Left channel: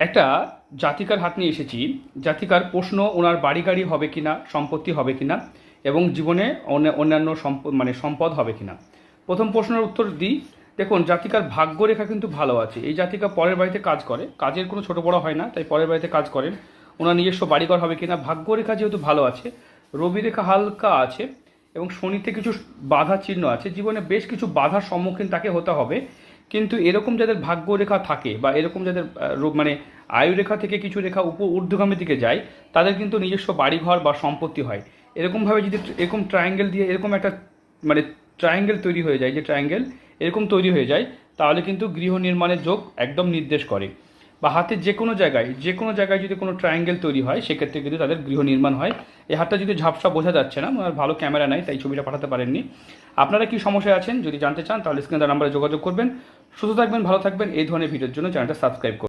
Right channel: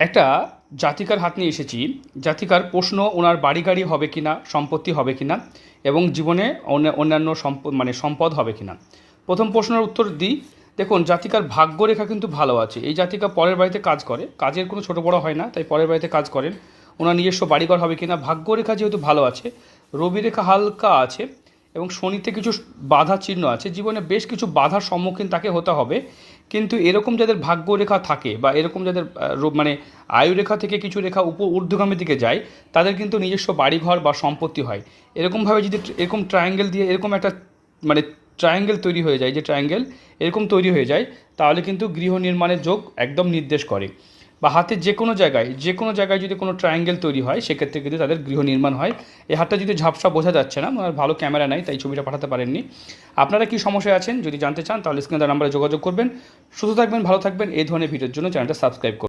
একটা জাতিকার হাত নিয়ে এসেছি। জাতিকার প্রশ্ন ওনার বাড়ি গাড়ি হবে কিনা, সম্পত্তি হবে কিনা এবং জীবনে অন্যান্য সম্পদ হবে কিনা। প্রথম প্রশ্নের উত্তর দিই। দেখুন, জাতিকার ভাগ্যরেখা কিন্তু ভালো আছে। এই জাতিকা পরের বাড়িতে কাজ করে, কাজের কোনো ছোটো বড়ো হয় না, তাই পরের বাড়িতে কাজ করেন। ওনার নিজস্ব বাড়িঘর হবে কিনা, ভাগ্যরেখা যেহেতু ভালো আছে, রবি রেখা হালকা আছে এবং শনিতে কিছু বাধা চিহ্ন আছে। জীবনে বেশ কিছু বাধার সম্মুখীন তাকে হতে হবে। কিন্তু এরকম যাদের ভাগ্যরেখা থাকে বা এরকম যাদের আয়ুরেখা থেকে কিছু রেখা ঊর্ধ্বগামীর দিকে যায়, তাদের কিন্তু নিজস্ব বাড়িঘর বা সম্পত্তি হয়। এরকমভাবে যদি এরকম ট্রায়াঙ্গেল দিয়ে এরকম একটা মানে ট্রায়াঙ্গেল তৈরি হয়ে যায়, যে ট্রায়াঙ্গেল এরকম তৈরি হয়ে যায়, তাহলে কিন্তু গৃহ নির্মাণের যোগ একদম নির্দেশ করে। বা হাতের যে কোনো জায়গায় যদি কোনো ট্রায়াঙ্গেল তৈরি হয়, সেক্ষেত্রে কিন্তু তাদের গৃহ নির্মাণ হয়। এই হাতটা যদি ঝাপসা বোঝা যাচ্ছে না, আমার ভালো ক্যামেরা নাই তাই ছবিটা পাঠাতে পারেননি। আপনারা কি সমস্যায় আছেন যদি জানতে চান, তাহলে স্ক্রিনে দেওয়া নাম্বারে যোগাযোগ করবেন। সুস্থ থাকবেন, ভালো থাকবেন। এই ধরনের ভিডিওর জন্য চ্যানেলটা সাবস্ক্রাইব করুন।